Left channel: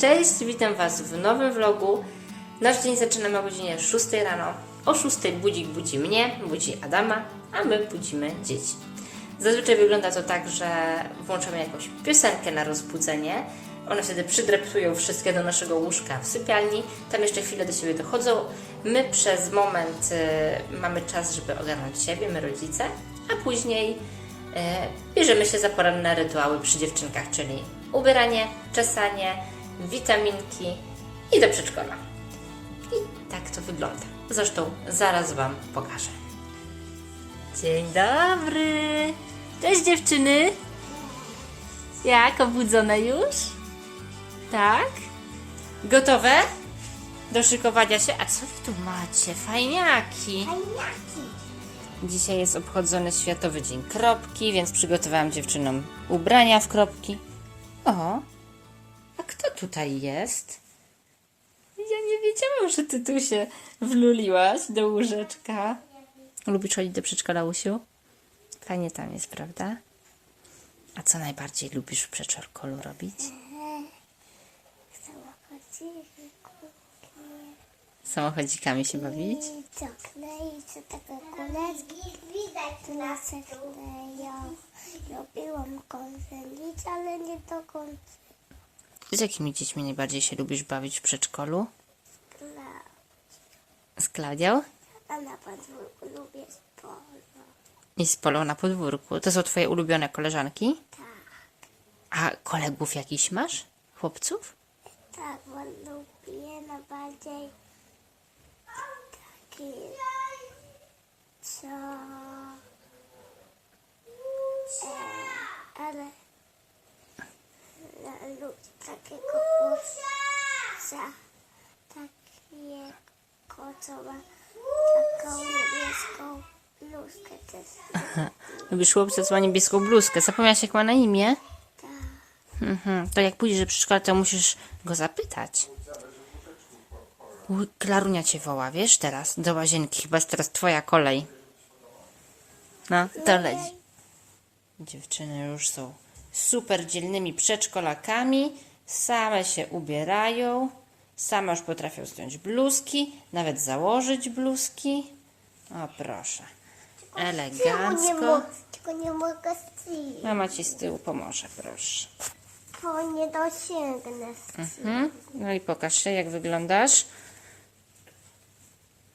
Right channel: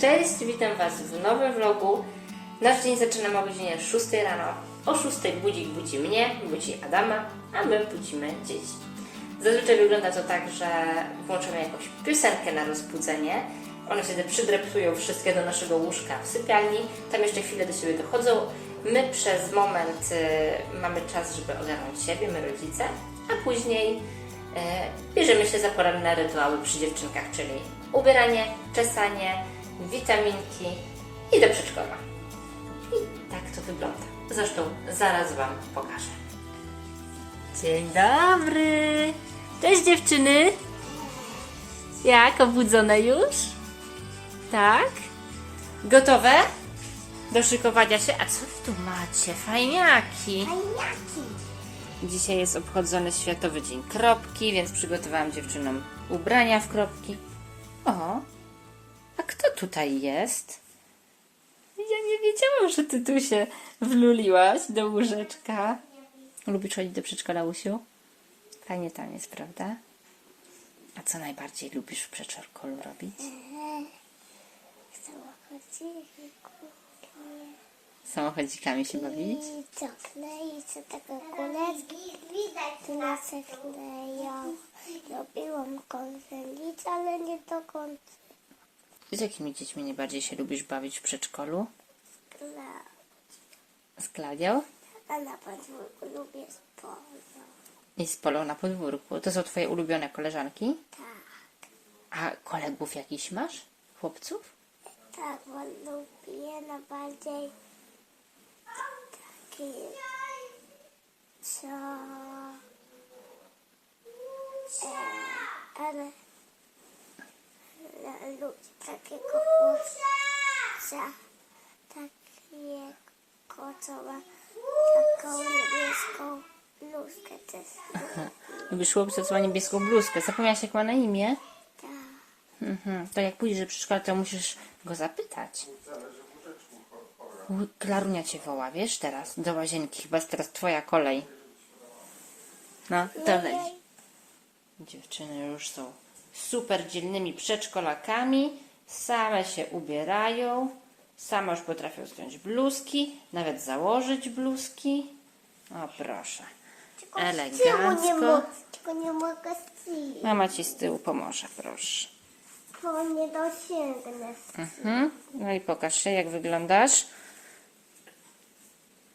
Cześć, witam Was w nowym vlogu. Nasz dzień zaczynamy o godzinie 6 rano. O 6 budzik budzi mnie, budzi Adama, a my budzimy dzieci. Zazwyczaj wygląda to tak, że włączamy jakąś piosenkę na rozbudzenie. One wtedy przydreptują wszystkie do naszego łóżka w sypialni. Tam jeszcze chwilę do siebie dochodzą. My przez moment y, mamy czas, żeby ogarnąć siebie, my rodzice, a później e, bierzemy się za poranne rytuały przy dziewczynkach, czyli ubieranie, czesanie, witaminki i do przedszkola. I tak to wygląda. Zresztą zaraz Wam pokażę. Dzień dobry! Cześć dziewczyny! Jak, obudzone już? Tak? Gotowe? Do szykowania się? A co wy tu macie? Fajniaki! Dzisiaj jest obchodzony Światowy Dzień Kropki, więc przygotowałam dziewczynom ubrania w kropki. O, a kto tutaj jest? Ja nie wiedziałam, że ty tu się wluliłaś do łóżeczka. Lubisz chodzić do przedszkola, Usiu? Fajnie tam jest, prawda? A co najbardziej lubisz w przedszkolu robić? Samochodzikami się bawić? i co klei, co takie kuleczki, tu nas kleją. Robiłam konselic, ale nie do końca. Z jakimi dziećmi najbardziej się lubisz bawić w przedszkolu? Kla- Z Klaudią? A na podwórku lubię sporo. I z Polą na podwórku. To są twoje ulubione koleżanki? Tak, A kolegów jakiś masz? Chłopców? tak, bo lubię najbardziej taki, co... E, ale... Lubię takiego chłopca, takiego, co ma taką niebieską bluzkę też. Lubisz chłopca, co ma niebieską bluzkę. Zapomniałaś, jak ma na imię? Tak. Mhm. To jak pójdziesz do przedszkola, to musisz go zapytać. Klarunia cię woła, wiesz, teraz do łazienki. Chyba jest teraz twoja kolej. No, to leci. Dziewczyny już są super dzielnymi przedszkolakami. Same się ubierają. Same już potrafią zdjąć bluzki, nawet założyć bluzki. O, proszę. Elegancko. Tylko nie mogę zjeść, Mama ci z tyłu pomoże, proszę. bo nie dosięgnę. Mhm. No i pokaż się, jak wyglądasz.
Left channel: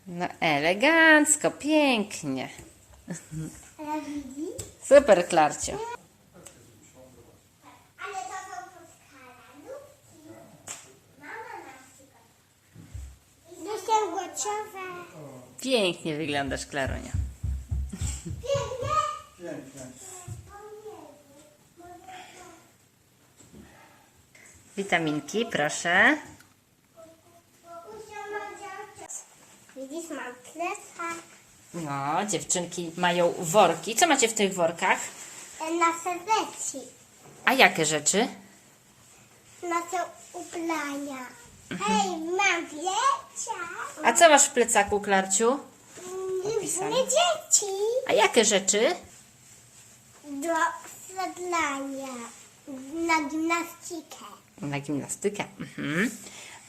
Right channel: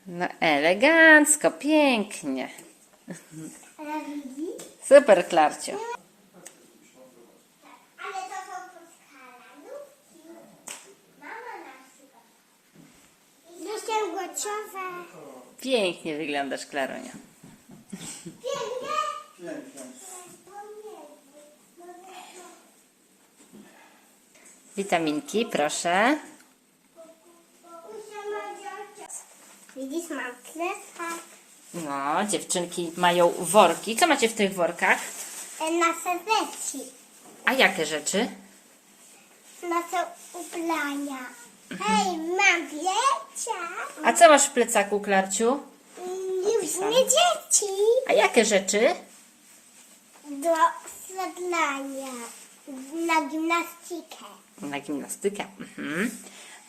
No elegancko, pięknie. Ale widzisz? Super, Klarcio. Ale to są poskalaniówki. Mama na przykład. Gotowa. Pięknie wyglądasz, Klarunia. Pięknie? Witaminki, proszę. Widzisz, mam No, dziewczynki mają worki. Co macie w tych workach? na serweci. A jakie rzeczy? Na te ubrania. Hej, mam plecak. A co masz w plecaku, Klarciu? Opisane. Nie dzieci. A jakie rzeczy? Do sedlania. Na gimnastykę. Na gimnastykę. Mhm.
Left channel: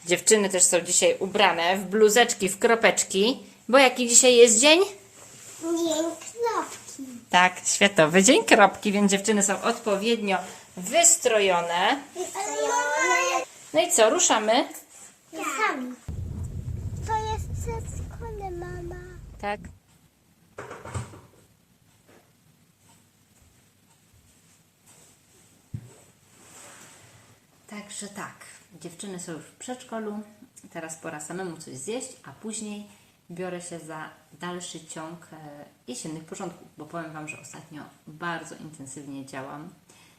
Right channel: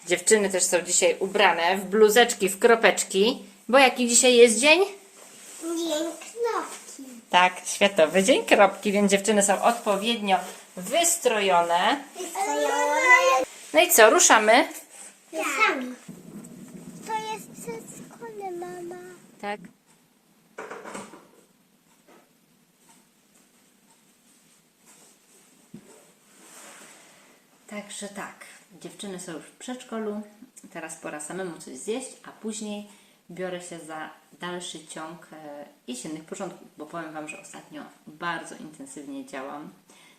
Dziewczyny też są dzisiaj ubrane w bluzeczki, w kropeczki. Bo jaki dzisiaj jest dzień? Nie klopki. Tak, Światowy Dzień Kropki, więc dziewczyny są odpowiednio wystrojone. No i co, ruszamy? Sami. To jest przedszkole, mama. Tak. Także tak, dziewczyny są już w przedszkolu, teraz pora samemu coś zjeść, a później biorę się za dalszy ciąg e, jesiennych porządków, bo powiem Wam, że ostatnio bardzo intensywnie działam.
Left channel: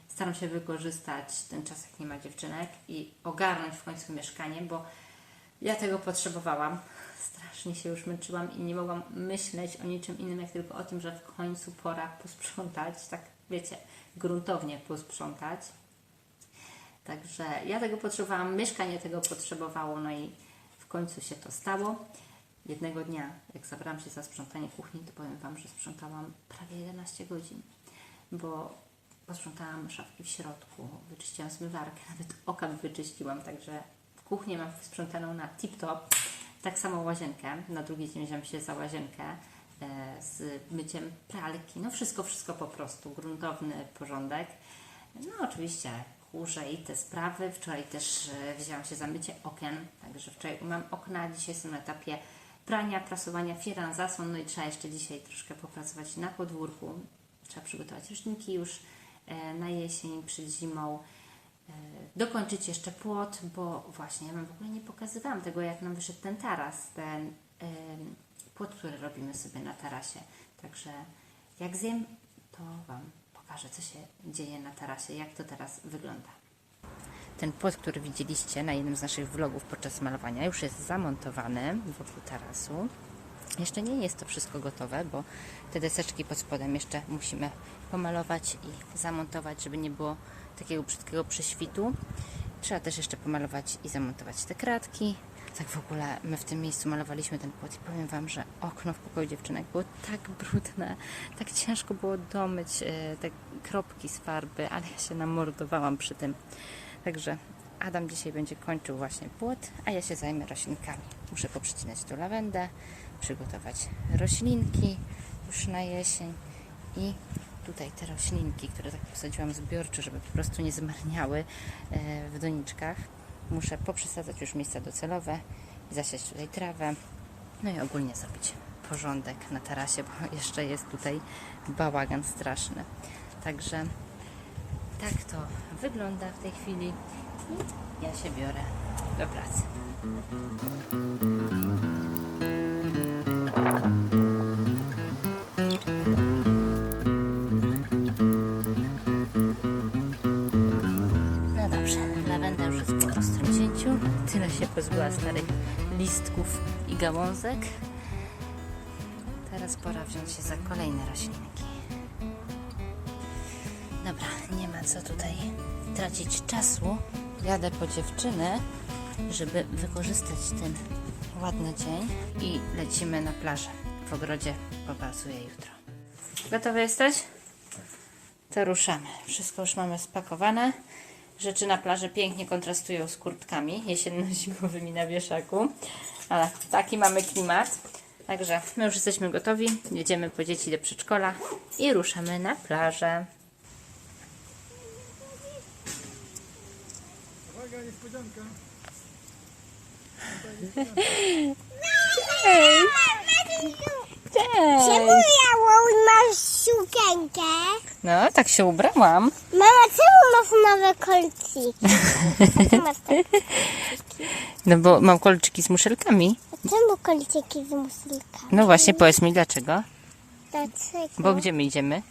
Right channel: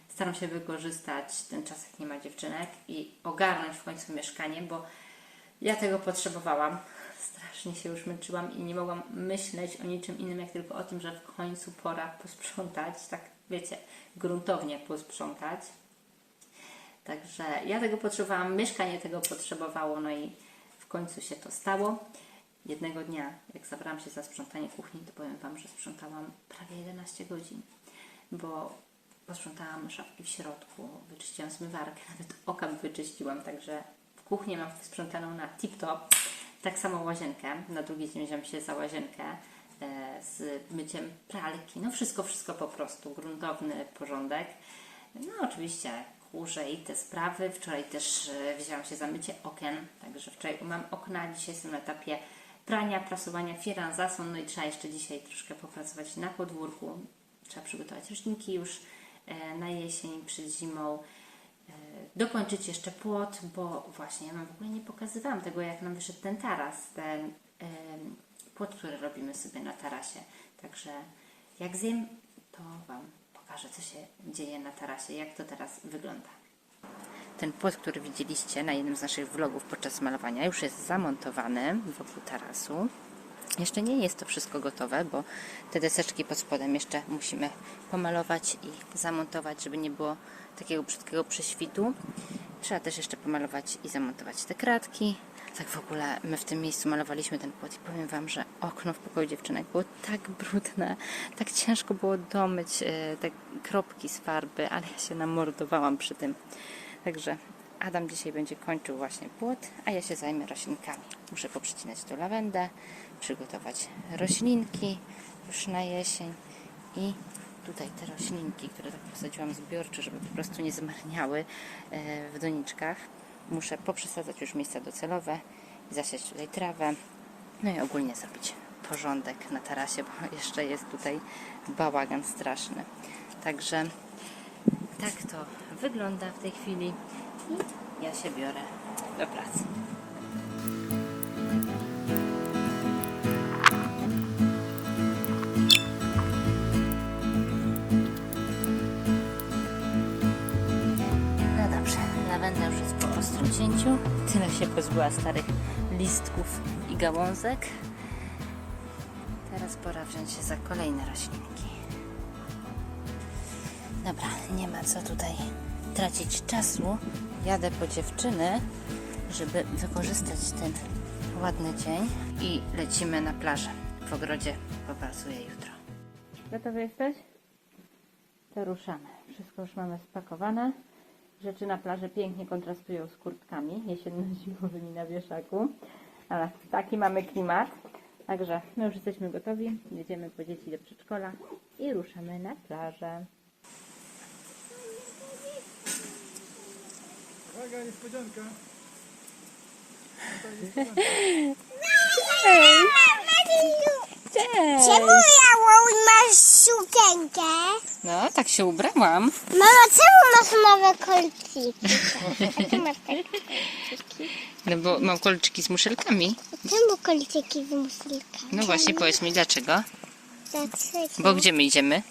Staram się wykorzystać ten czas, jak nie ma dziewczynek i ogarnąć w końcu mieszkanie, bo ja tego potrzebowałam. Strasznie się już męczyłam i nie mogłam myśleć o niczym innym, jak tylko o tym, że w końcu pora posprzątać, tak wiecie, gruntownie posprzątać. Także ja tego potrzebowałam, mieszkanie tego potrzebowało, no i w końcu się to stało. Jednego dnia, jak zabrałam się za sprzątanie kuchni, to powiem Wam, że sprzątałam prawie 11 godzin, bo posprzątałam szafki w środku, wyczyściłam zmywarkę, nawet okap wyczyściłam, także kuchnię mam sprzątaną na tip-top. Tak samo łazienkę. Na drugi dzień wziąłem się za łazienkę e, z myciem pralki. No wszystko, wszystko po prostu. Gruntowny porządek. No oczywiście kurze i te sprawy. Wczoraj też e, wzięłam się za mycie okien, także wczoraj umyłam okna. Dzisiaj jestem na etapie prania, prasowania firan, zasłon, no i trzeba jeszcze dzisiaj troszkę popracować na podwórku. Trzeba przygotować roślinki już e, na jesień, przed zimą. E, Dokończyć jeszcze płot, bo właśnie ja Wam w ogóle nie pokazywałam tego, jak nam wyszedł ten taras, ten płot, który robimy sobie na tarasie. Także jak zjem, to Wam pokażę, co się dzieje na tarasie, jak to teraz wygląda. Ten płot, który widzieliście na jednym z naszych vlogów podczas malowania, już jest zamontowany wokół tarasu. Jeszcze nie jest to wszystko gotowe, bo te deseczki pod spodem jeszcze musimy pomalować i zamontować, żeby nie było takiego brzydkiego prześwitu. Trzeba też jeszcze pomalować i zamontować te kratki. Tak w ogóle my w tym miejscu malowaliśmy ten płot i powiem Wam, że okno w pokoju dziewczynek było tak brudne, tak ciężko było domyć e, te kropki z farby, ale ja się namordowałam przy tym. Także Adam dzisiaj będzie kończył właśnie płot, a ja się zajmę roślinkami. Muszę poprzecinać tu lawendę, przygotować roślinki już na jesień i tutaj te roślinki, które tak posadziłam zbiorczo, żeby po prostu nie zmarniały e, w doniczkach. Muszę poprzesadzać już miejsca docelowe, zasiać tutaj trawę, no i ogólnie zrobić porządek na tarasie, bo jeszcze jest tutaj bałagan straszny. Także tak to wygląda w tej chwili. I ja się biorę do pracy. Dobrze, lawenda już jest po ostrym cięciu. Tyle się pozbyła starych listków i gałązek. Teraz pora wziąć się za kolejne roślinki. Dobra, nie ma co tutaj tracić czasu. Jadę po dziewczyny, żeby wykorzystać ten ładny dzień i lecimy na plażę. W ogrodzie popracuję jutro. Gotowy jesteś? To ruszamy. Wszystko już mamy spakowane. Rzeczy na plaży pięknie kontrastują z kurtkami jesienno-zimowymi na wieszaku. Ale taki mamy klimat. Także my już jesteśmy gotowi. Jedziemy po dzieci do przedszkola i ruszamy na plażę. Uwaga, niespodzianka. Czemu ja masz sukienkę? No, tak się ubrałam. Mama, czemu masz nowe kolczyki? Czemu masz te kolczyki? No bo mam kolczyki z muszelkami. Czemu kolczyki z muszylkami? No właśnie, powiedz mi dlaczego. Dlaczego? Bo gdzie my idziemy?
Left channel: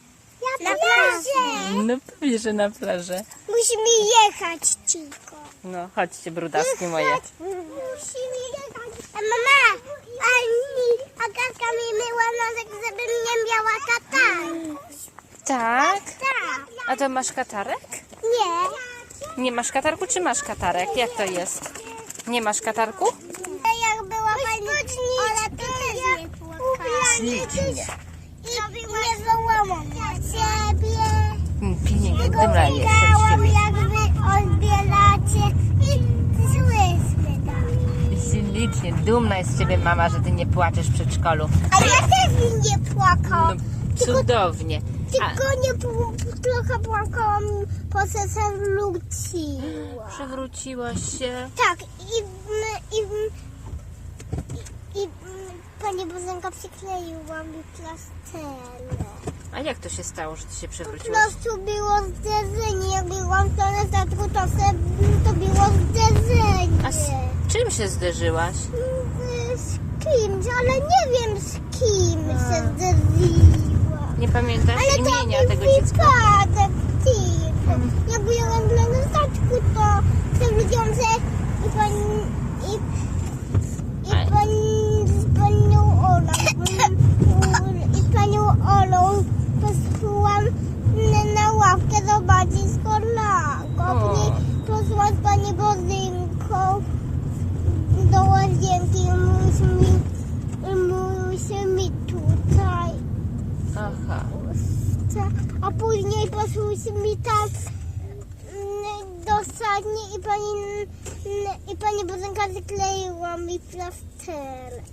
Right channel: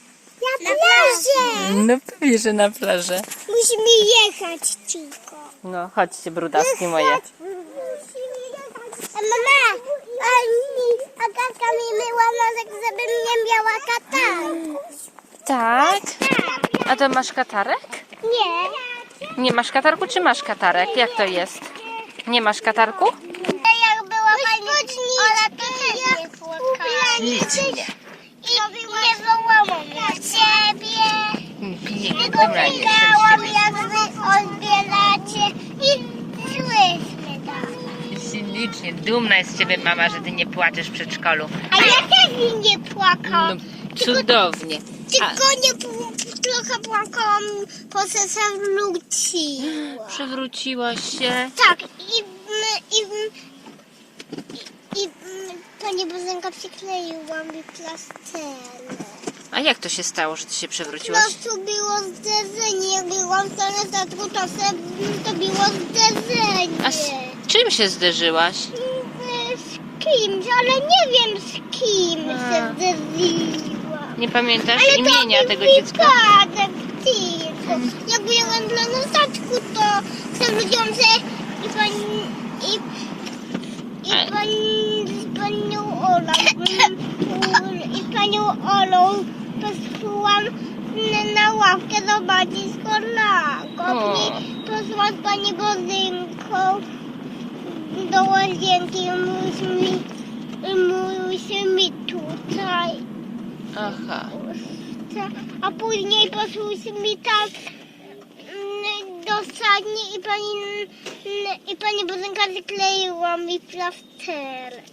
Na plażę! No pewnie, że na plażę. Musimy jechać, Ciko. No, chodźcie, brudaski moje. Musimy jechać. A mama, ani Agatka mi myła nosek, żebym nie miała katarku. Tak? Tak. A to masz katarek? Nie. Nie masz katarku, czy masz katarek? Jak to jest? Nie masz katarku? Jak była pani Ola, to też nie płakała. Ślicznie. I nie wołałam na ciebie. Tylko biegałam, ciebie. jak wy odbieracie i szłyśmy tam. Ślicznie, dumna jest z ciebie mama, że ty nie płaczesz w przedszkolu. A ja też nie płakałam. No, cudownie. A, Tylko nie trochę płakałam, po co się wróciła. przewróciłaś się. Tak, i, i, i, i pani Bozenka przykleiła mi plasterek. A jak to się stało, że ty się Po przewróciłaś? prostu było zderzenie. Jak byłam w stronę statku, to, se, to było zderzenie. A czym się zderzyłaś? Z kimś, ale nie wiem z kim A. się zderzyłam. Nie pamiętasz Ale imienia to tego dziecka? wypadek tylko. Jak byłam dla na statku, to przewróciłam się i pani... I, i A- pani z panią Olą i panią Olą poszłam na, na ławkę zobaczyć z. Później poszłam z pani Bozynką łazienki i musimy, musimy tutaj Aha. a później poszłyśmy tak mm, do sadni i pani, mm, i pani Bożenka skleiła mi plasterek.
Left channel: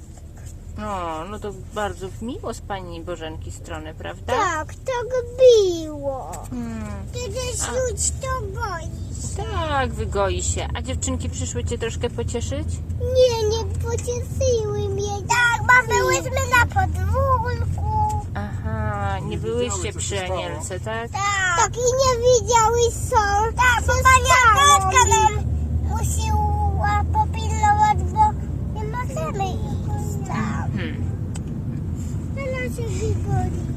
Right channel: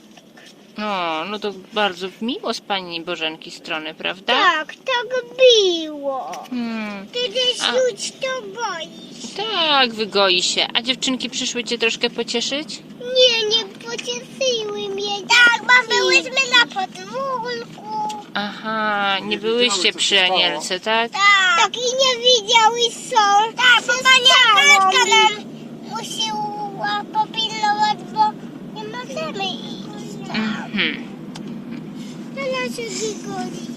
O, no to bardzo miło z pani Bożenki strony, prawda? Tak, tak było. Hmm. Ty też A. już to boisz. Tak, wygoi się. A dziewczynki przyszły cię troszkę pocieszyć? Nie, nie pocieszyły mnie. Tak, bo byłyśmy na podwórku. Aha, nie byłyście przy Anielce, tak? Tak. tak i nie widziały są. Tak, bo pani Amelka nam musiała popilnować, bo nie możemy iść tam. Mhm. Na nasze wygoli.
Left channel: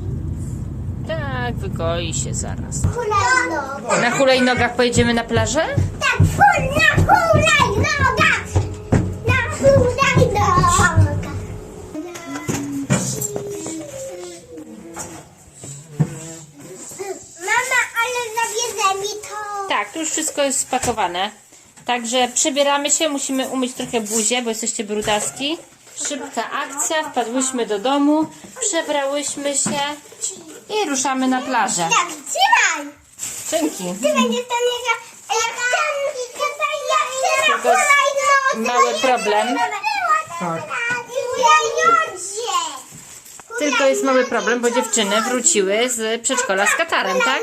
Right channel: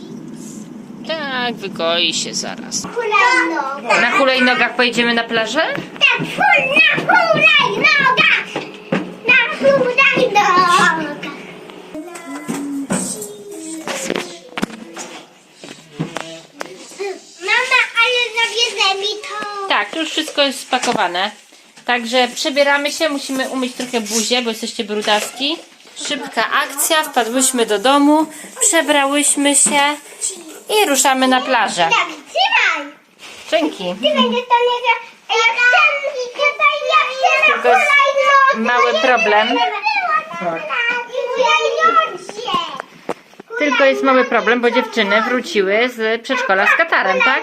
Tak, wygoi się zaraz. Hulajnoga. Na hulajnogach pojedziemy na plażę? Tak, hul, na hulajnogach. Na hulajnogach. Mama, ale zawiezie mi to. Tak, to już wszystko jest spakowane. Także przebieramy się, musimy umyć trochę buzię, bo jesteście brudaski. Szybka akcja, wpadłyśmy do domu, przebrałyśmy się i ruszamy na plażę. Tak, trzymaj. Dzięki. Ty będziesz tam nie Ja chcę, chyba ja chcę Tylko jest hulajnodze. mały problem. Tylko jest mały problem, bo dziewczyny wróciły z przedszkola z katarem, tak?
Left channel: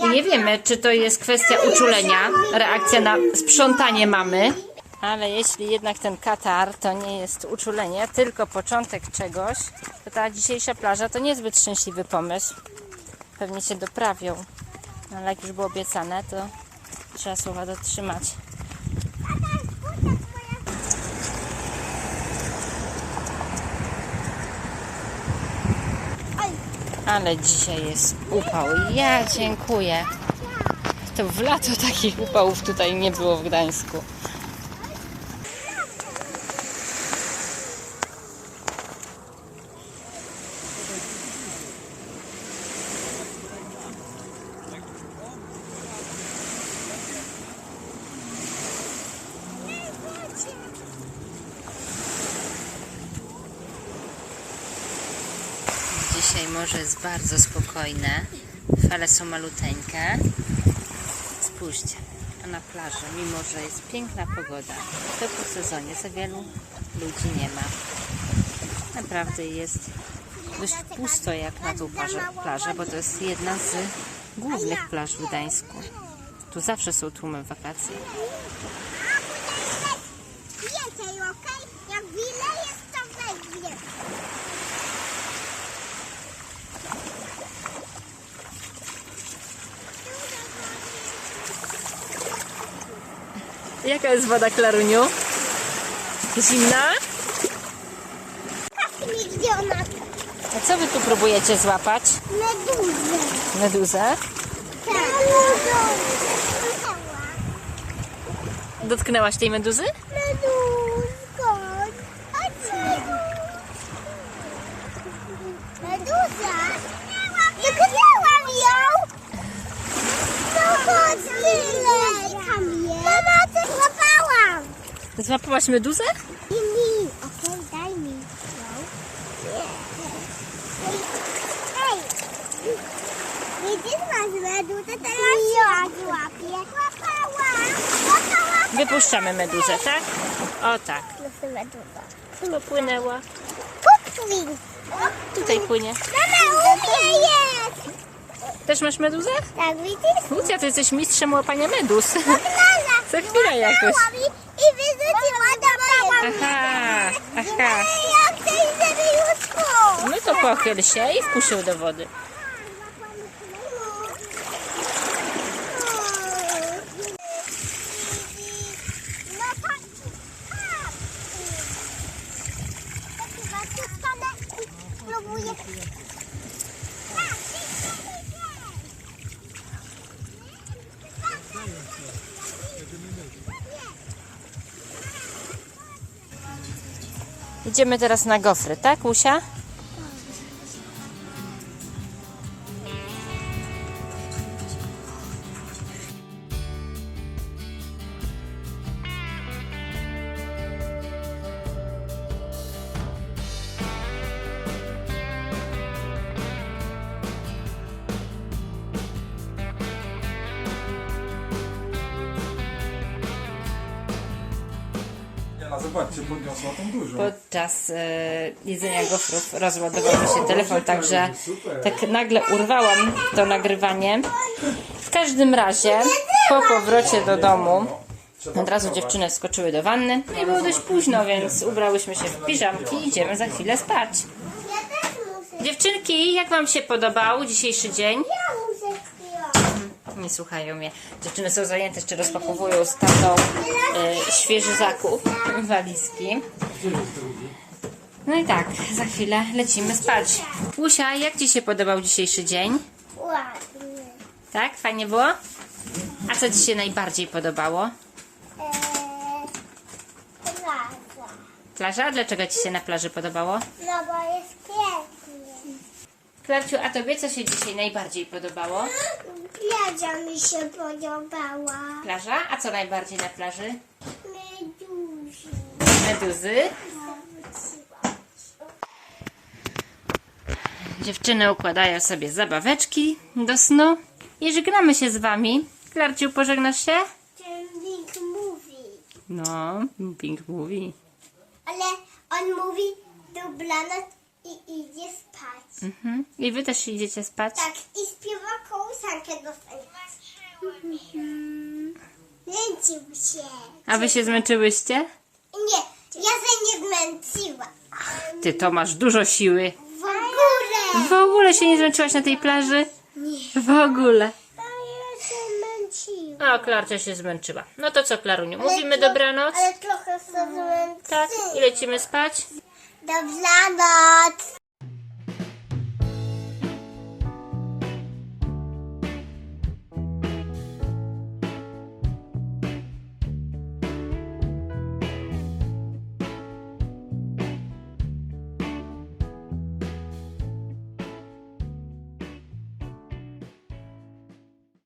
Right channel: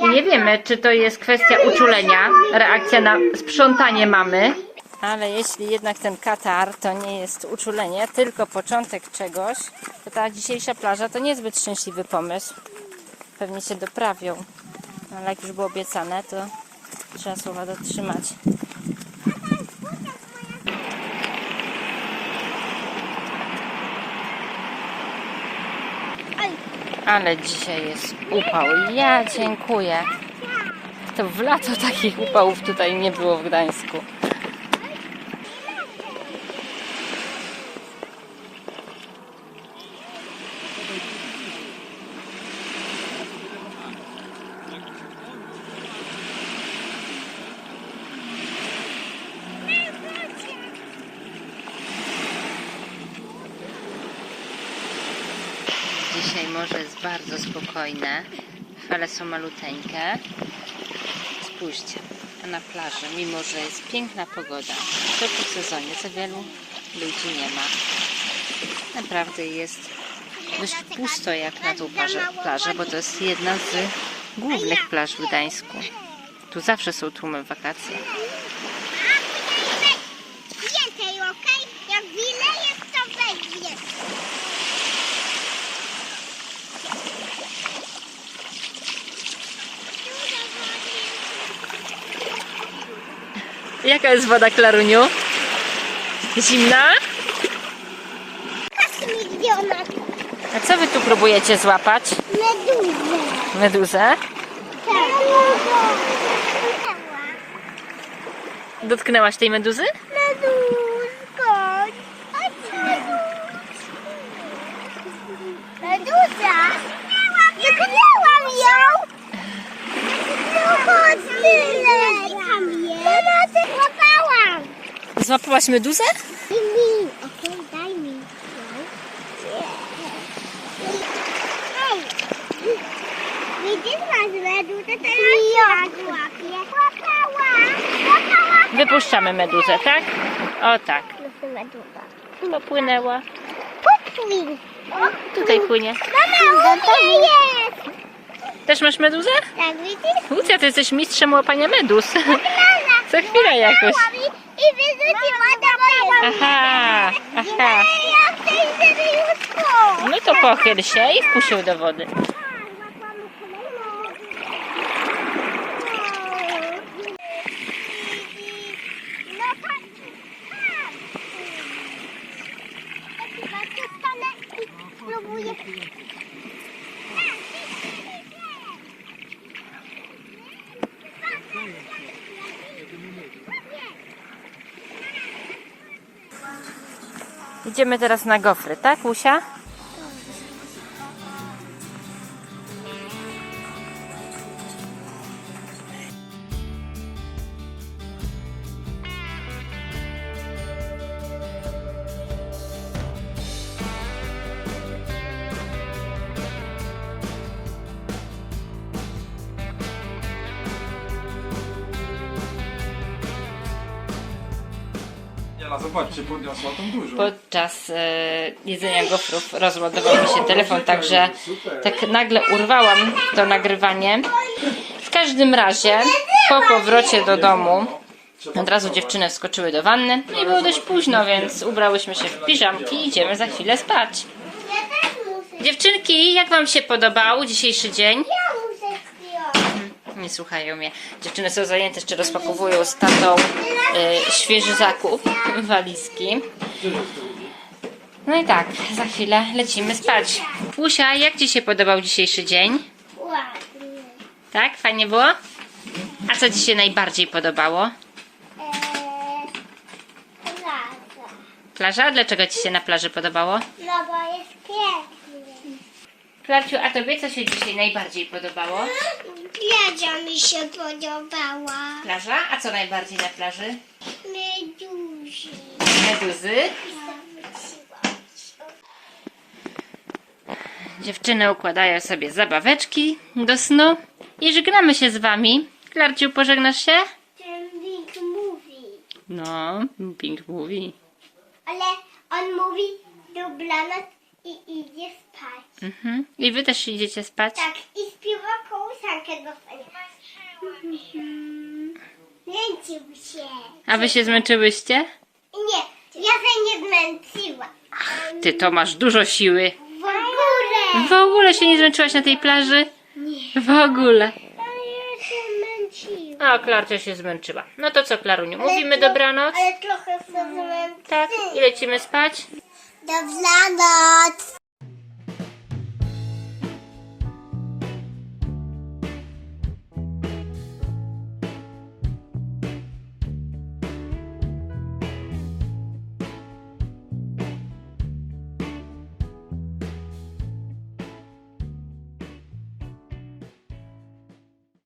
I nie wiemy, czy to jest kwestia uczulenia, reakcja na sprzątanie mamy. Ale jeśli jednak ten katar to nie jest uczulenie, tylko początek czegoś, to ta dzisiejsza plaża to niezbyt szczęśliwy pomysł. Pewnie się doprawią. Ale jak już było obiecane, to trzeba słowa dotrzymać. Ale dzisiaj jest upał. Ja dziękuję. To w lato takich upałów tutaj nie było w Gdańsku. Dzisiaj morze jest bardzo spokojne. Fale są maluteńkie. Spójrzcie, a na plaży, mimo że jest piękna pogoda, to po sezonie za wielu ludzi nie ma. Naprawdę jest dość pusto jak na tą plażę, plażę, bo to jest jedna z głównych plaż w Gdańsku. Tu zawsze są tłumy w wakacje. Więcej, okej? Jak wiele jest, to weź więcej. Jaka jest woda, Klaruniu? Zimna? A co wy tu próbujecie złapać? meduzę. Meduzę? Tak. Dotknęłaś tej meduzy? Meduzko. Chodź, Meduza. Dotknęłam ją. No chodź, tyle. Tam jest. Mama, ty złapałam. Złapałaś meduzę? Daj mi, okej, daj mi ją. Hej, widzisz masz meduzę, teraz ja złapię. Łapała, łapała. Wypuszczamy meduzę, tak? O tak. Meduza. Popłynęła. Popwin. Tutaj płynie. Mama, u mnie jest. Też masz meduzę? Tak, widzisz? Lucja, ty jesteś mistrzem łapania meduz. Lala. Co chwila jakoś. I wyrzuciła do mojego. Aha, aha. Ja chcę już tu. No to pochyl się i wpuścił do wody. No tak. Spróbuję. Idziemy teraz na gofry, tak, Lusia? Zobaczcie, podniosła tą dużą. Podczas e, jedzenia gofrów rozładował mi się telefon, także tak nagle urwałam to nagrywanie. W każdym razie, po powrocie do domu, od razu dziewczyny wskoczyły do wanny. No i było dość późno, więc ubrałyśmy się w piżamki i idziemy za chwilę spać. Dziewczynki, jak Wam się podobał dzisiejszy dzień? Nie słuchają mnie. Dziewczyny są zajęte, jeszcze rozpakowują z tatą e, świeży zakup, walizki. No i tak, za chwilę lecimy spać. Pusia, jak Ci się podobał dzisiejszy dzień? Ładnie. Tak? Fajnie było? A co Ci się najbardziej podobało? Eee, plaża. Plaża? Dlaczego Ci się na plaży podobało? No bo jest pięknie. Klarciu, a Tobie co się dzisiaj najbardziej podobało? Plaża mi się podobała. Plaża? A co najbardziej na plaży? Meduzi. Meduzy? Dziewczyny układają sobie zabaweczki do snu i żegnamy się z Wami. Klarciu, pożegnasz się? Ten Big mówi. No, Pink mówi. Ale on mówi dobranoc i idzie spać. Mhm. I Wy też idziecie spać? Tak, i śpiewa kołysankę do fajna. Męczył się. A Wy się zmęczyłyście? Nie, ja się nie zmęczyła. Ty to masz dużo siły. W ogóle. W ogóle się nie zmęczyłaś na tej plaży? Nie. W ogóle. A ja się Klarcia się zmęczyła. No to co, Klaruniu? Mówimy dobranoc? Ale trochę się. Tak. I lecimy spać? Dobranoc.